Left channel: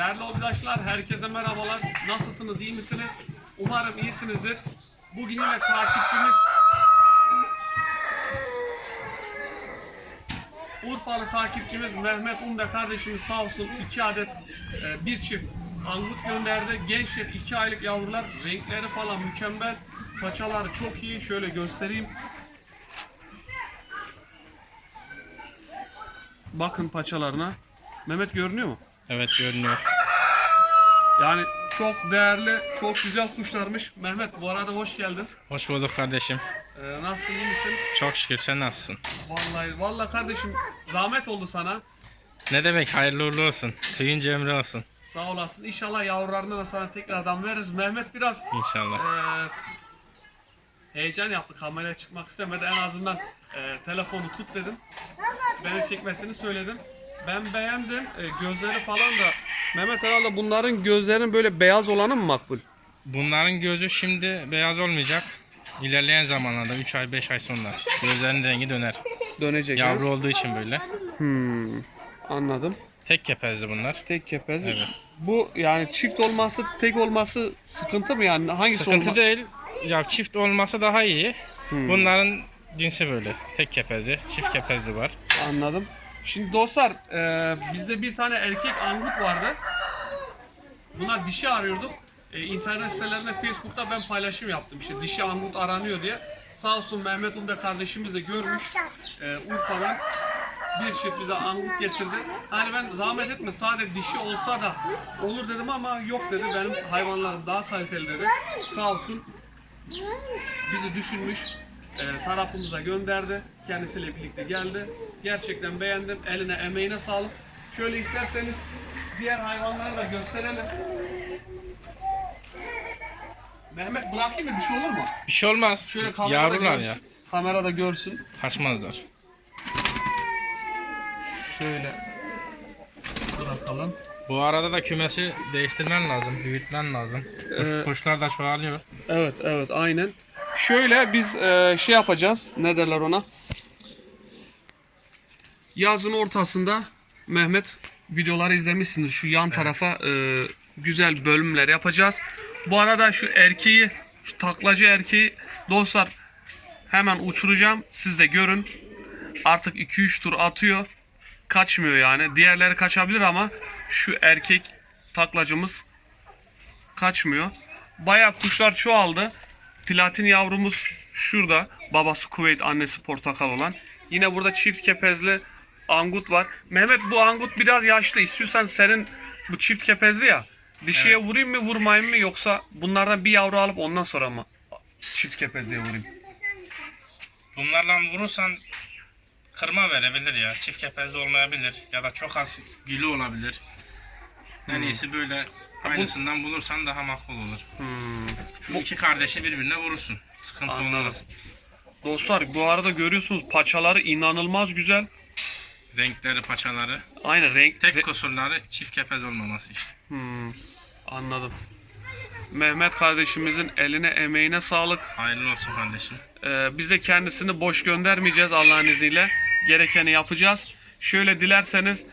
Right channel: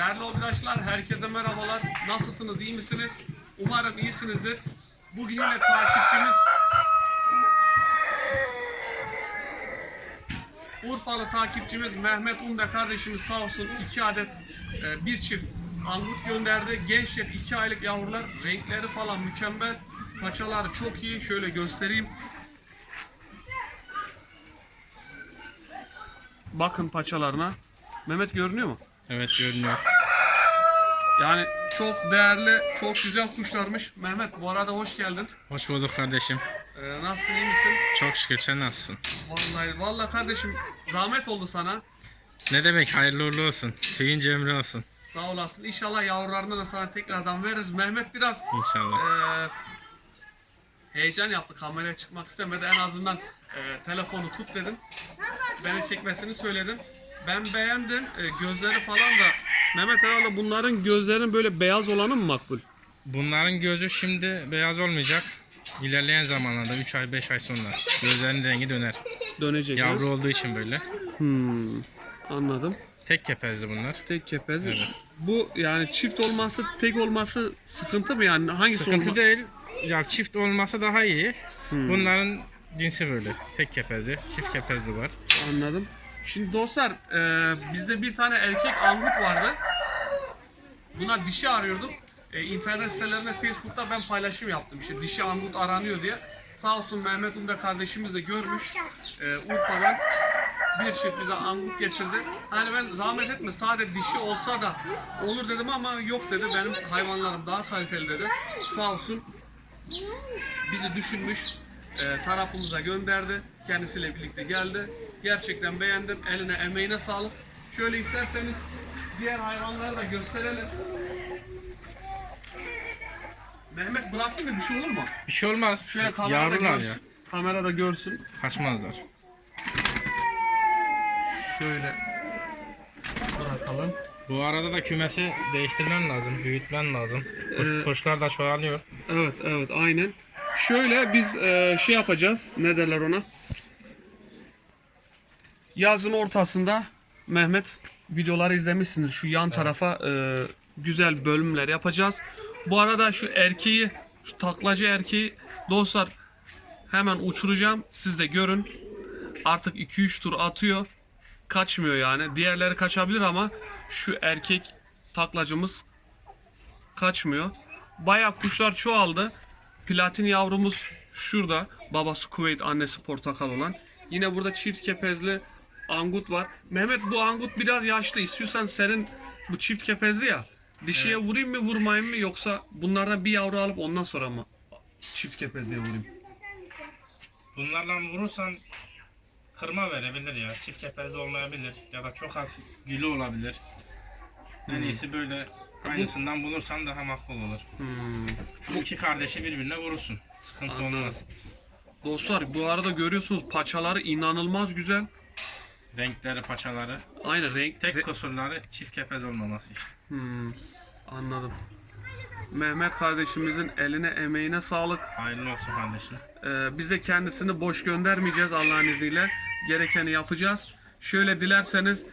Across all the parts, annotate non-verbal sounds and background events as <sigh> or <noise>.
Değerli obidaşlar, herkese merhabalar. Nasılsınız, iyi misiniz? Umarım iyisinizdir. Bugün yine takipçimiz Urfalı takipçimiz Mehmet Umbe kardeşimiz sağ olsun iki adet e, bir çift angut gönderdi. Gençler iki aylık yavrular. Renkleri falan mükemmel. Paçaları çok iyi. Şöyle göstereyim. Bakın paçalarına. Mehmet görünüyor mu? Evet görünüyor. Yani çok değerli, çok güzel kuşlarmış. Mehmet bu arada hoş geldin. Hoş bulduk kardeşim. Ee, nasılsın, iyi misin? Çok şükür sen nasılsın? Vallahi, vallahi kardeşim zahmet oldu sana. Ne demek hayırlı uğurlu olsun. Tüyün cemre olsun. Sağ olasın. İnşallah yavrularını da sana tekrardan veririz. Mehmet biraz İnşallah. eee, heyecan yaptı. Kameraya çıkmak istemedi. En azından eee, telefonu tut dedim. Beni çekmesini söyledim. Ben beğendim. Eee, gözleri falan da Mehmet herhalde bunların gözlerinin böyle beyaz olanı mı makbul? Bunların gözü şimdi beyaz olmayacak. İlerleyen zamanlarda 3 ay 5 ay sonra gözlerinin rengi döner. Dönecek. Yavru olduğu için böyle. Hmm, anladım. Tek kepezli bunlar. Tek kepez. Evet. Bu yani çift olması, tek olması sıkıntı mı yani? Hangisi Sıkıntı olma- değil. Ya çift olması daha iyi. Hmm. Bunların cinsi böyle. Tek kepezli, çift kepezli var. Anladım. Şimdi dostlar e, bizde bir tane erkek angut vardı. Buna dişi arıyorduk. E, internet sitelerinde Facebook'ta ben paylaşım yaptım. İşte dişi angut aranıyor diye. Sağ olsun Mehmet Umda kardeşimiz de görmüş. E, Urfa'dan bir çift bize angut getirdi. Hani ben zahmet etme sade dişi olsa da olur dedim ama yok dedi. Benim hayvanlarım daha kaliteli dedi. Sağ olsun bizi düşünmüş, e, tarafımıza gönderdi. Kendisiyle birlikte geldi. Gerçekten beğendim. Eline, emeğine sağlık. Şöyle isterseniz diğer hayvanları da gösterelim. Mehmet bırakayım mı? Bir şey olur mu? Bir şey olmaz. Şöyle kamerada Yavrular görsün. ya. Kamerada görsün. Kaçmazlar. Şöyle bırakalım. Bu arada da kümesi değiştirmen lazım, büyütmen lazım. Kuş, Ee, kuşlar da çoğalıyor. Evet, evet, aynen. Şöyle biz e, şey yapacağız. Ne derler ona? Yazın ortasında Mehmet videoları izlemişsiniz. Şu yan tarafa e, güzel bölümler yapacağız. Bu arada şu erkeği, şu taklacı erkeği dostlar hemen uçuracağım. Siz de görün. Artık 2-3 tur atıyor. Kaçmıyor yani. Diğerleri kaçabilir ama şu erkek taklacımız kaçmıyor. Bayağı kuşlar çoğaldı. Platin yavrumuz şurada. Babası Kuveyt, annesi portakal olan. Yine burada çift kepezli angut var. Mehmet bu angut biraz yaşlı. İstiyorsan senin bu çift kepezli ya. Dişiye vurayım mı vurmayayım mı yoksa bunlardan bir yavru alıp ondan sonra mı çift kepezliye vurayım? Bunlarla vurursan kırma verebilir ya. Çift kepezli olmayabilir ya da çok az gülü olabilir. En iyisi böyle aynısından bulursan daha makbul olur. Hmm. Şu iki kardeşi birbirine vurursun. Sıkıntı Anladım. olmaz. Dostlar bu arada görüyorsunuz paçaları inanılmaz güzel. Renkleri, paçaları. Aynen renk. Tek re- kusurları çift kepez olmaması işte. Hmm, anladım. Mehmet kardeşimizin eline emeğine sağlık. Hayırlı olsun kardeşim. Ee, biz de kendisini boş göndermeyeceğiz Allah'ın izniyle. Gerekeni yapacağız. Şöyle dilerseniz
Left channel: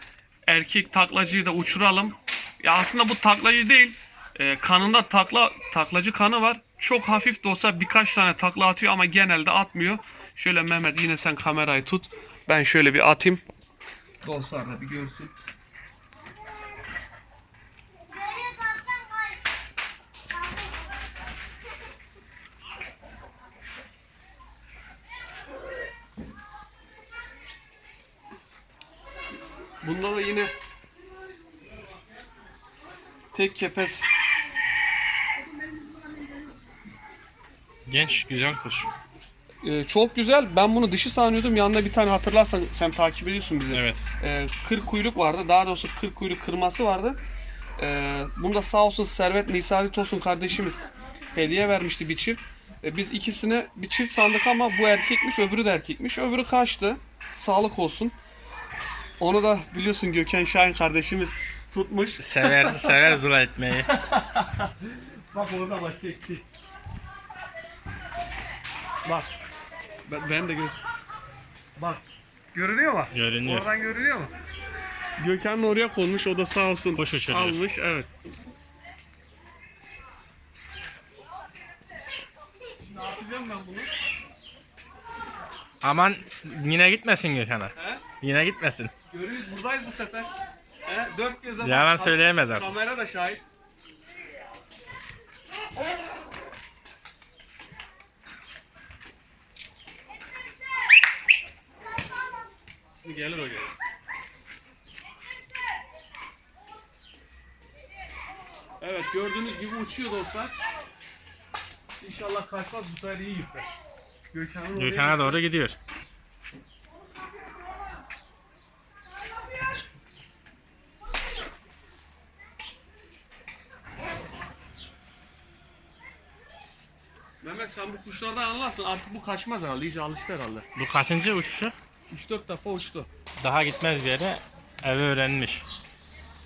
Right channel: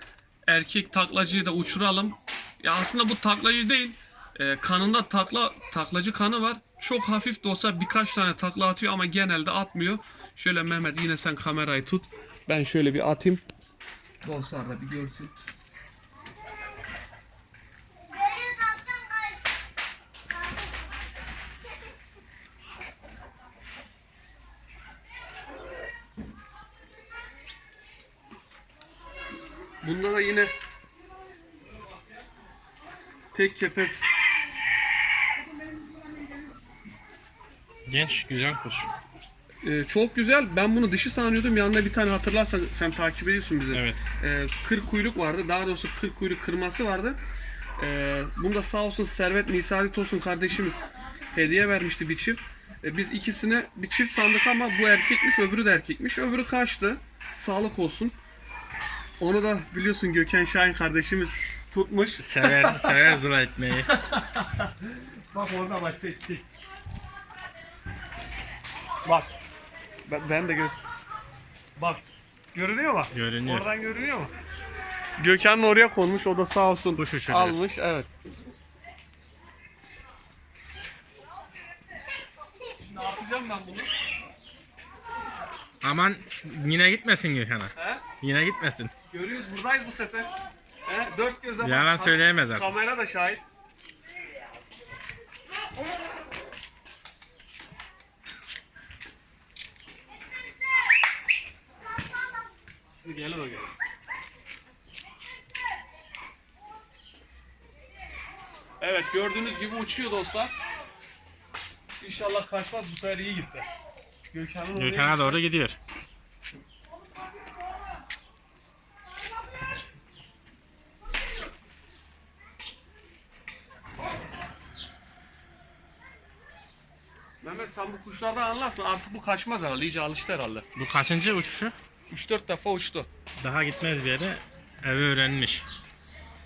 erkek taklacıyı da uçuralım. Ya aslında bu taklacı değil. Ee, kanında takla taklacı kanı var. Çok hafif de olsa birkaç tane takla atıyor ama genelde atmıyor. Şöyle Mehmet yine sen kamerayı tut. Ben şöyle bir atayım. Dostlar da bir görsün. Bunda da yine tek kepez Genç, güzel kuş. Ee, çok güzel. Ben bunu dişi sanıyordum. Yanında bir tane hatırlarsan sen takip ediyorsun bizi. Evet. Ee, 40 kuyruk vardı. Daha doğrusu 40 kuyruk kırması vardı. Ee, bunu da sağ olsun Servet Nisari Tosun kardeşimiz hediye vermişti bir çift. Ee, biz ikisine bir çift sandık ama bu erkekmiş, öbürü de erkekmiş. Öbürü kaçtı. Sağlık olsun. Onu da biliyorsun Gökhan Şahin kardeşimiz tutmuş. Sever, <laughs> sever zula etmeyi. Bak orada bak tek tek. Bak. Ben, ben de göz. Bak. Görünüyor mu? Görünüyor. Oradan görünüyor mu? Gökhan'ın oraya konmuş. O da sağ olsun Kuş uçuruyor. almış. Evet. Şimdi atacağım ben bunu. Aman yine gitmesin Gökhan'a. He? Yine gitmesin. Görüyoruz buradayız bu sefer. He? Dört gözle bak. Yalan söyleyemez artık. Kamera da şahit. Gelir o gelir. Evet gördüğünüz gibi uçuyor dostlar. İnşallah kaçmaz bu sefer iyi gitti. Gökhan'ın oraya- Gökhan'a doğru gidiyor. Mehmet sen bu kuşlardan anlarsın artık bu kaçmaz herhalde iyice alıştı herhalde. Bu kaçıncı uçuşu? 3-4 defa uçtu. Daha gitmez bir yere. Evi öğrenmiş.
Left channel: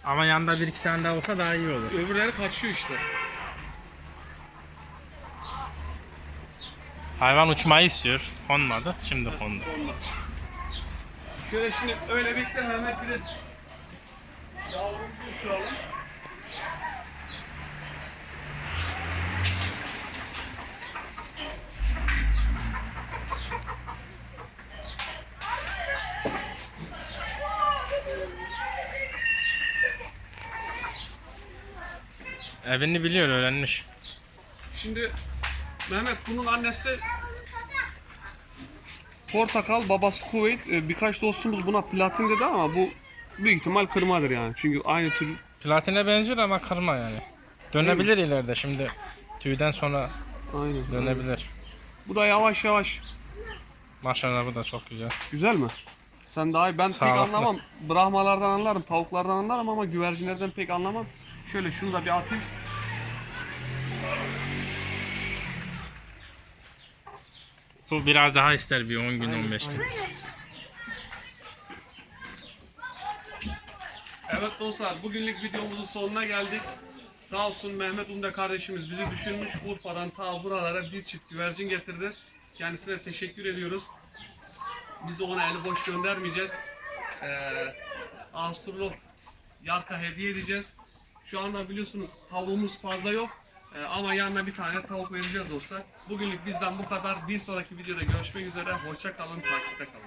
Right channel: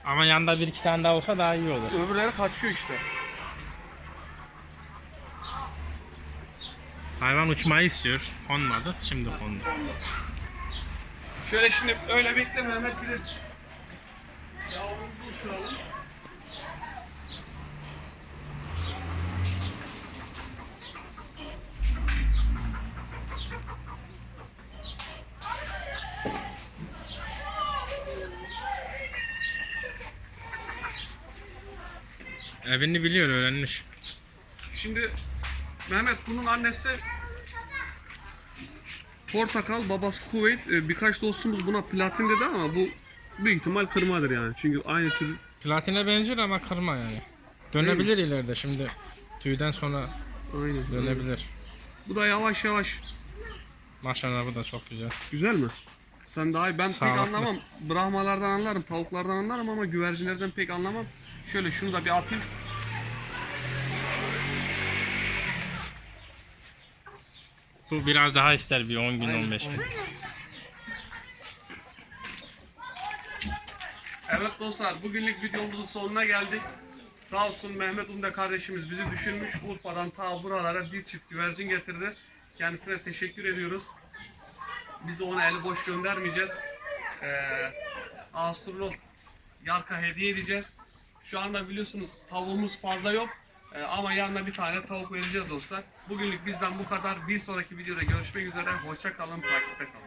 Ama yanında bir iki tane daha olsa daha iyi olur. Öbürleri kaçıyor işte. Hayvan uçmayı istiyor. Konmadı. Şimdi kondu. Şöyle şimdi öyle bekle Mehmet bir de yavrumuzu uçuralım. Evini biliyor, öğrenmiş. Şimdi Mehmet bunun annesi Portakal, babası Kuveyt. Ee, Birkaç dostumuz buna platin dedi ama bu büyük ihtimal kırmadır yani. Çünkü aynı tür Platine benziyor ama kırma yani. Dönebilir ileride şimdi. Tüyden sonra Aynen. dönebilir. Bu da yavaş yavaş. Maşallah bu da çok güzel. Güzel mi? Sen daha iyi. Ben pek Sağlıklı. anlamam. Brahmalardan anlarım, tavuklardan anlarım ama güvercinlerden pek anlamam. Şöyle şunu da bir atayım. Bu biraz daha ister bir 10 gün 15 gün. Evet dostlar bugünlük videomuzun sonuna geldik. Sağ olsun Mehmet Umde kardeşimiz bizi düşünmüş. Urfa'dan ta buralara bir çift güvercin getirdi. Kendisine teşekkür ediyoruz. Biz ona eli boş göndermeyeceğiz. Ee, Astrolog Yarka hediye edeceğiz. Şu anda biliyorsunuz tavuğumuz fazla yok. Ee, ama yanına bir tane tavuk vereceğiz dostlar. Bugünlük bizden bu kadar. Bir sonraki videoda görüşmek üzere. Hoşça kalın, takipte kalın.